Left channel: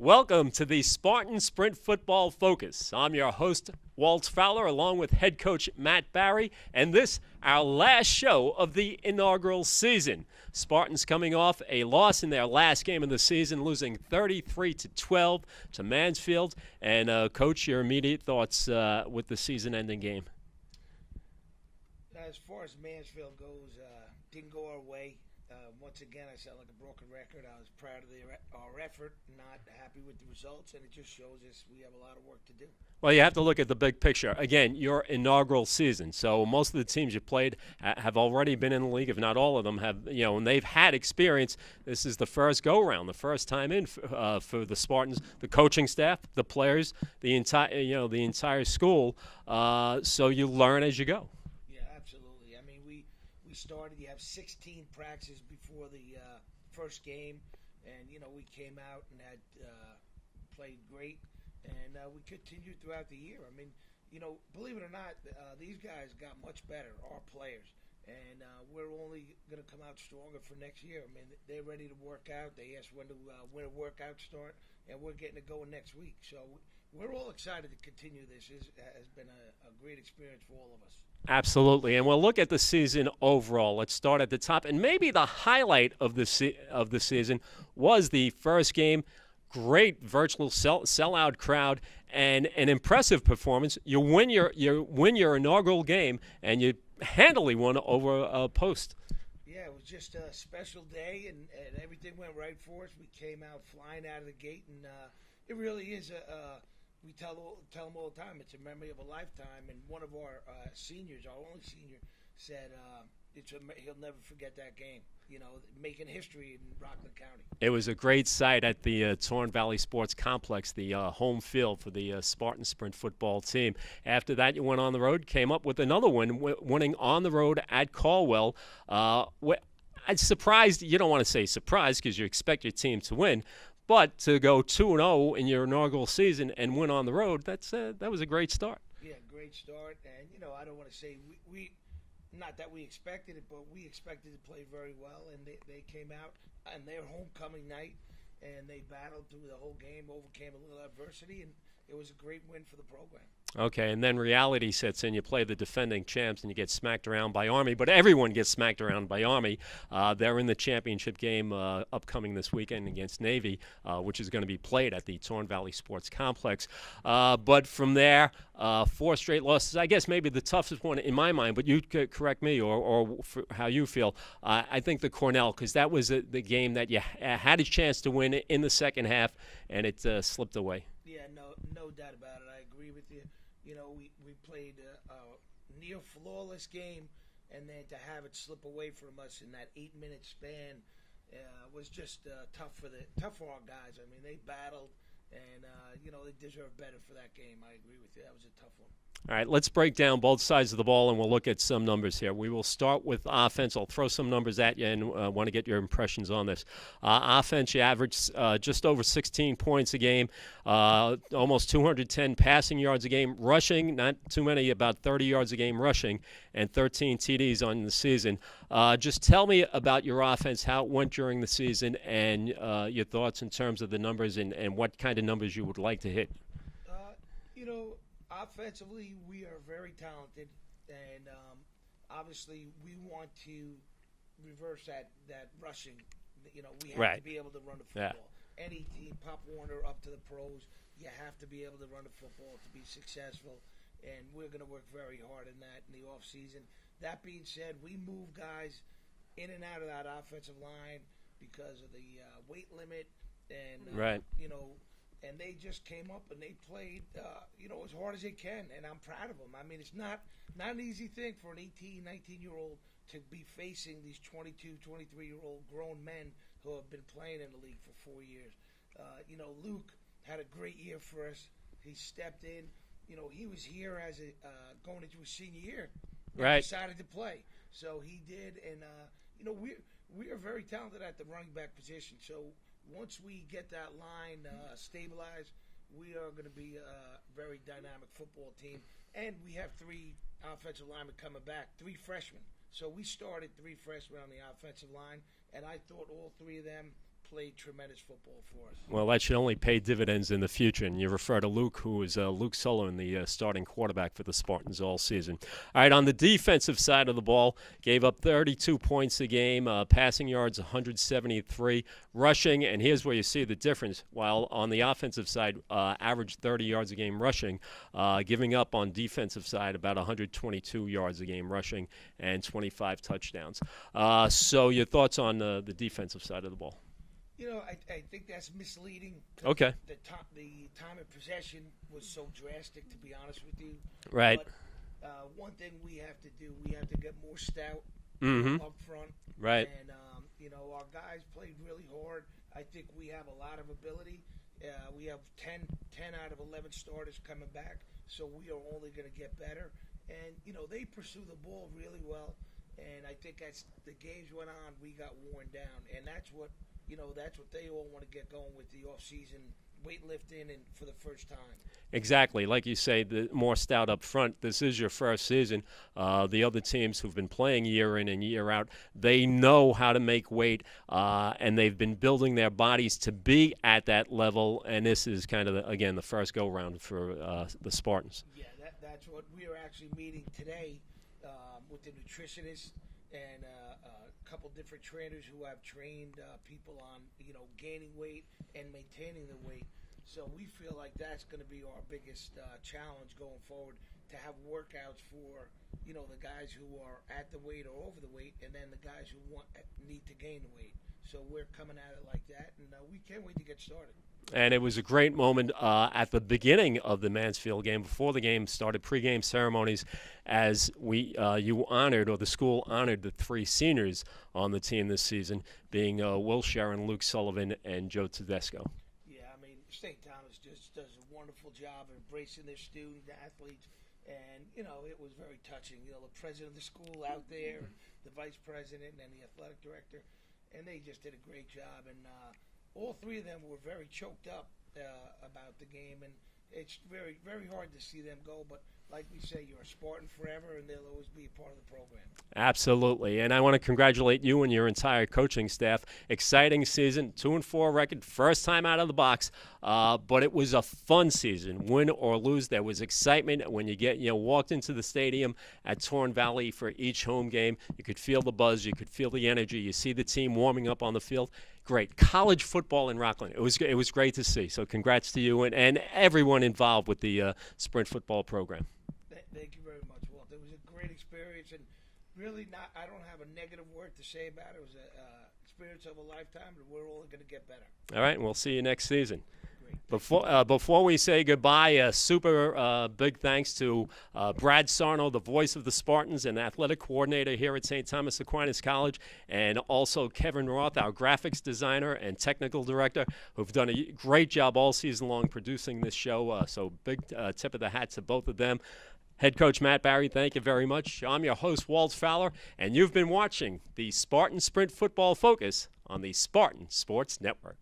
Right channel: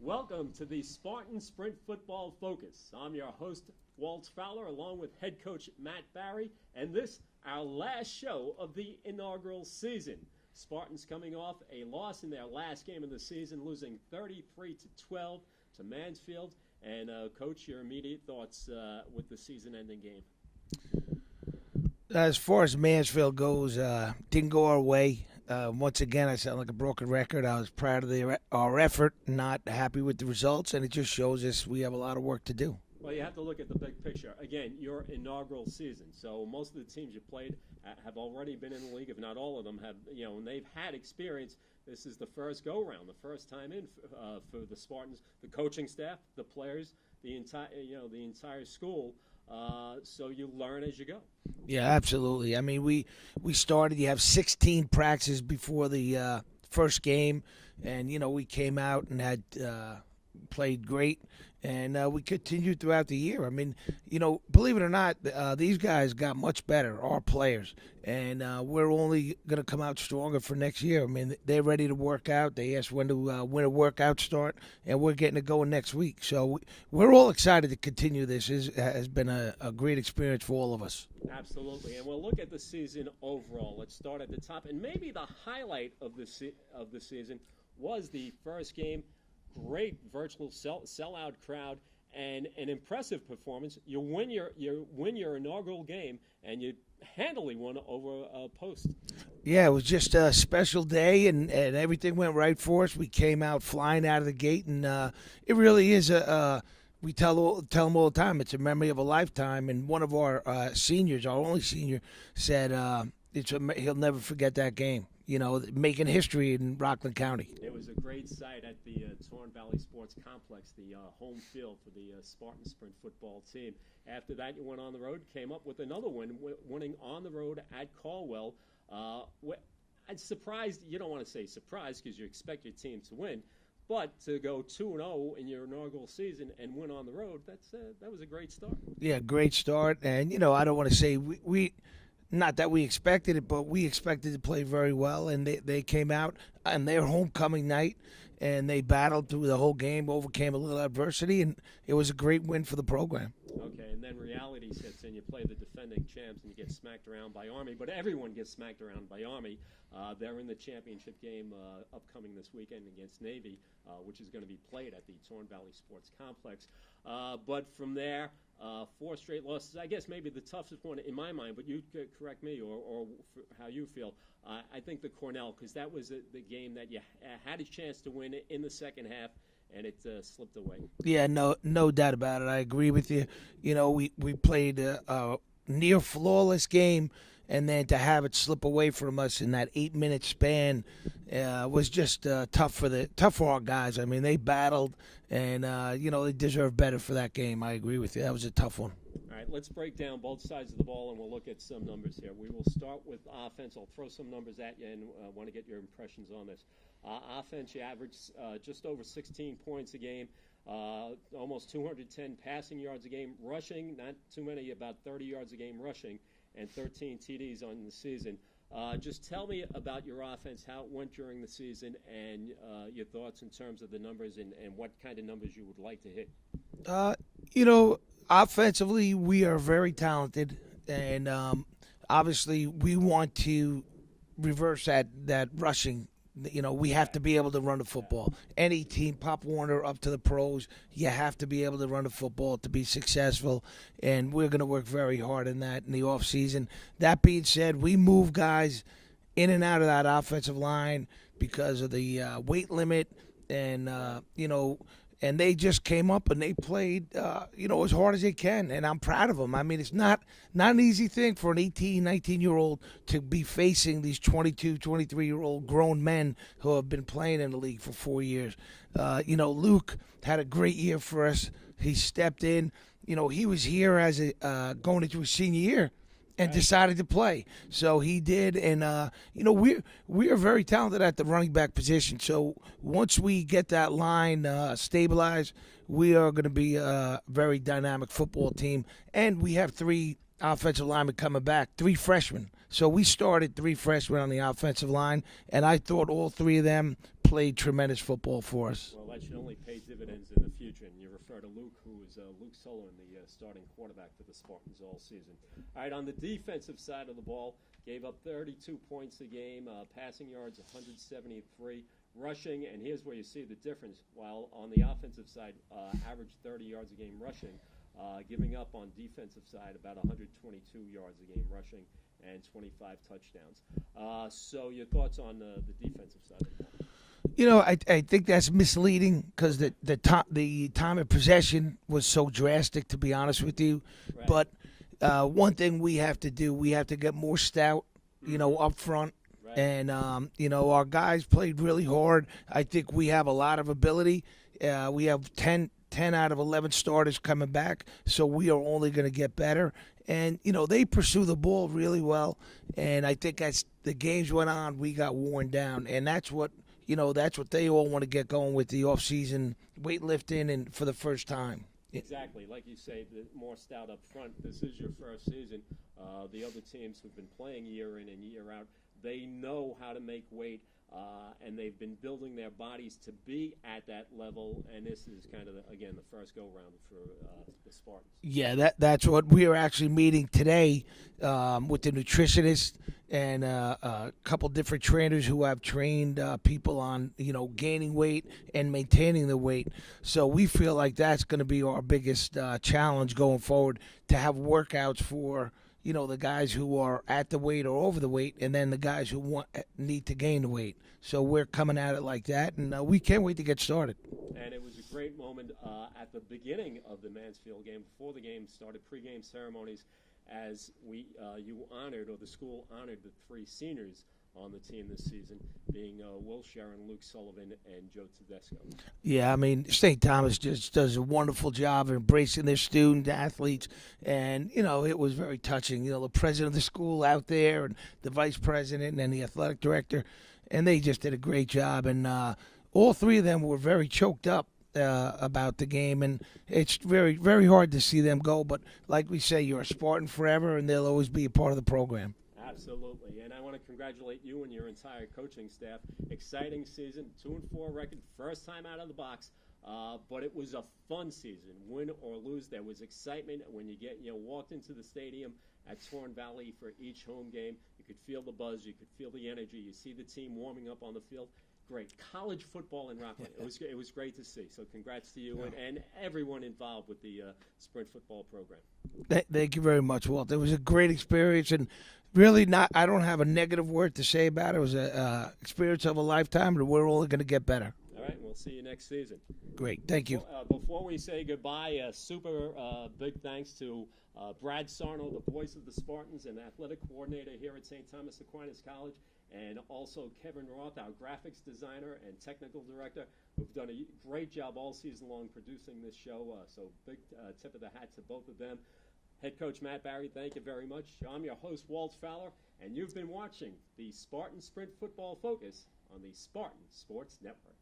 Welcome to the Spartan Sprint Football Focus. I'm your host, Walt Fowler, along with head coach Matt Barry, and this, our last show of the inaugural season. Spartans coming off a loss in their last game of the season, losing 33-12 to Mansfield. And, Coach, your immediate thoughts with the season-ending game? As far as Mansfield goes, didn't go our way. Once again, I sound like a broken record. I was proud of our effort, not happy with the results, and it just shows us we have a lot of work to do. Well, you have to look at the big picture. Again, your inaugural season. So most of the teams you played have already been in the league, if not all of them have, and they've had experience. This is the first go-round, the first time in for the Spartans, the coaching staff, the players, the entire school. So you learn as you go. Yeah, absolutely. I mean, we started. You have 16 practices before the first game, and we came out and had played great. And we continued throughout the year. I mean, believe it or not, these guys got much better, our players. And we're only going to come out stronger for next year. I mean, they're ready to work out. They asked when a workout start, and we're getting it going next week. So we're all excited to continue this. It has been a great experience for all of us. Absolutely. And we'll look at the season overall. Let's start at the top. And maybe the highlight of the season was the first game. Great virtual sellout crowd and an impressive performance. You win your inaugural game, and you handily won over a Post. Yeah, it was just a special day, and everything went right for us. We came out flying out of the gate, and it really is we tell them all the time, it's a memory of a lifetime. And one of our seniors, our only senior, said he'll never forget that game. Making history in Rockland County. It was a great sight at the Torn Valley Sports Complex, the home field for the Spartan Sprint Football team. After that, you went on the road, came up with another win, winning on the road at Caldwell. I'm surprised. You don't want to say surprised because you expect your team to win. But to go 2-0 in your inaugural season and win on the road, that was a great start. Yeah, great start. And, I don't want to say we not that we expected it, but we expected to play very well, and they came out on their homecoming night, and they battled through the whole game, overcame a little adversity, and it was a great win for the program. Okay, and then reality sets in. You play the defending champs, and you get smacked around by Army, but everyone gets smacked around by Army. They're in the championship game upcoming this weekend against Navy, which is going to be played at the Torn Valley Sports Complex. But from there, 4 straight losses. I guess maybe the toughest one in my mind, but you could correct me or how you feel. I think the Cornell, because that was the game that you had a chance to win in the second half, and it slipped away. Yeah, no doubt about it. I agree with you. We played a near flawless game, and then to have it slip away from us in that 8-minute span was just tough for our guys. I mean, they battled, and they deserve better for that game. I agree with you. That was a tough one. All right, let's break down both sides of the ball, and we'll look at some numbers here. We will start with offense. I'll throw some numbers at you and want to get your impressions on this. Offense, you averaged just over 16 points a game, almost 210 passing yards a game. Rushing, not too many, about 30 yards a game rushing, and 13 TDs on the season. Just tell me about your offense, how it went during the season, and your thoughts in terms of the numbers and what kind of numbers you would like to hit. Offensively, we are very talented, and obviously we want to reverse that rushing. We have to be able to run the football. Yeah. Any team, Pop Warner up to the pros, you have to be able to run the football to be successful, and we're going to work very hard in that in the offseason. That being said, we move guys in and out of that offensive line because of the weight limit, and and they just came up and they played, as hard as they can, and I'm proud of them. I mean, it's not an easy thing for an 18, 19-year-old to be facing these 22, 23-year-old grown men who have been playing in the league for 4 years. Luke had a great year for us. He stepped in. He was here as going into his senior year. And decided to play. So he did, and we are very talented at the running back position. So once we get that line stabilized, we are going to be a very dynamic football team. And we have 3 offensive linemen coming back, 3 freshmen. So we started 3 freshmen on the offensive line, and I thought all 3 of them played tremendous football for us. Well, that should only pay dividends in the future. And you refer to Luke, who is Luke Sullivan, the starting quarterback for the Spartans all season. All right, on the defensive side of the ball, gave up 32 points a game, passing yards 173, rushing, and here's where you see the difference. While on the offensive side, averaged 30 yards a game rushing, giving up on defensive side about 122 yards a game rushing and 25 touchdowns. So your thoughts on the defensive side of the ball? You know, I think that's misleading because Okay. the time of possession was so drastic, to be honest with you. Right. But one thing we have to do, we have to get more stout, you know, up front. Right. And, you know, our guys played really hard. I think we have a lot of ability. We have 10 out of 11 starters coming back, so we are only going to get better. And, you know, they pursue the ball really well. And I think as the games went on, we got worn down. And that's what they all want to get going with the off-season weightlifting and for the first time. Exactly. Like you say, the more stout up front. This is your first season. The other teams who've been playing year in and year out, they know how to make weight, and they've been building their bodies to be at that level. And this is kind of, again, the first go-round for the Spartans. Yeah, that's what we are actually meeting today with the nutritionist and a couple different trainers who have trained people on, you know, gaining weight and maintaining the weight. So we feel like that's going to be our biggest challenge going forward, to have workouts for, you know, the guys who are at the weight or over the weight, and then the guys who need to gain the weight. So we're coming at it like that, and we can't wait to get started. And it was a great moment at the beginning of the Mansfield game, before the game started, pregame ceremonies, as you honored, or the school honored, the 3 seniors on the team this season, being Will Sharon, Luke Sullivan, and Joe Tedesco. Yeah, I mean, St. Thomas just does a wonderful job of embracing their student athletes, and, you know, it was very touching. You know, the president of the school out there, and the vice president, and the athletic director, and they just did a great job. And all 3 of them were very choked up about the game, and it's very, very hard to see them go. But like we say, you're a Spartan forever, and they'll always be a part of the program. Absolutely. And I want to congratulate you and your entire coaching staff. Exciting season, 2-4 record, first time out of the box. But it was a fun season. Win or lose, there was excitement when you walked into the stadium at Torn Valley for each home game. You could feel the buzz, you could feel the energy. You see the team warming up on the field. Great. College football in Rockland. It was great to see. So congrats to you and everyone involved with the Sprint Football program. Thank you very much, Walt. It was a great experience, and really I don't have a negative word to say about it. It was an experience of a lifetime, and we're only going to get better. All right, we'll see you next season. Great. Thank you. Before we say goodbye, a super big thanks to Brad Sarno, the voice of the Spartans and athletic coordinator here at St. Thomas Aquinas College, and also Kevin Roth, our graphics designer and technical director, who've done a great job all season long producing this show. So big tip of the hat to both of them. Head coach Matt Barry, thank you very much. I'm your host, Walt Fowler, and you've been watching the Spartan Sprint Football Focus on the Spartan Sports Network.